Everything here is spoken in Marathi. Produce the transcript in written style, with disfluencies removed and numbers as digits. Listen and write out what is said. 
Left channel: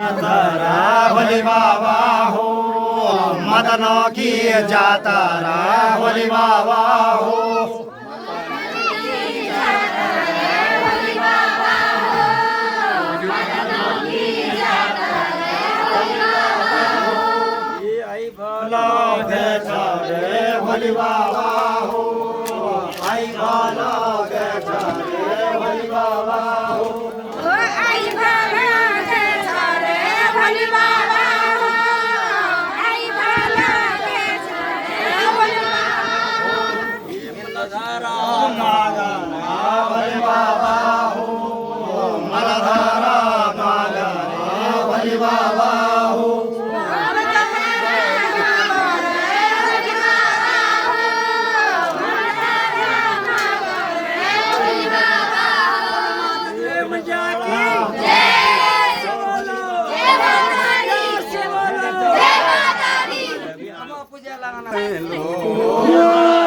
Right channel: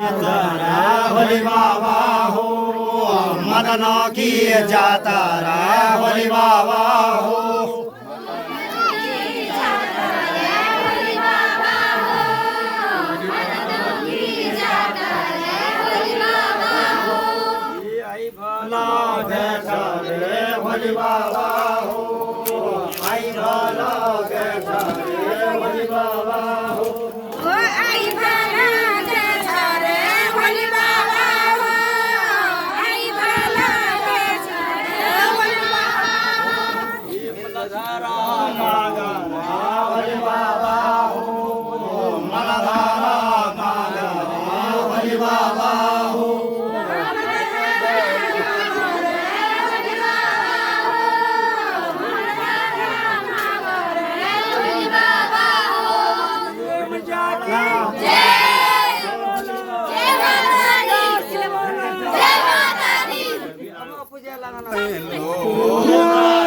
भोले बाबा हो मदन की जातारा भोले बाबा हो भोले बाबा हो आई भाला भोले बाबा हो Hello.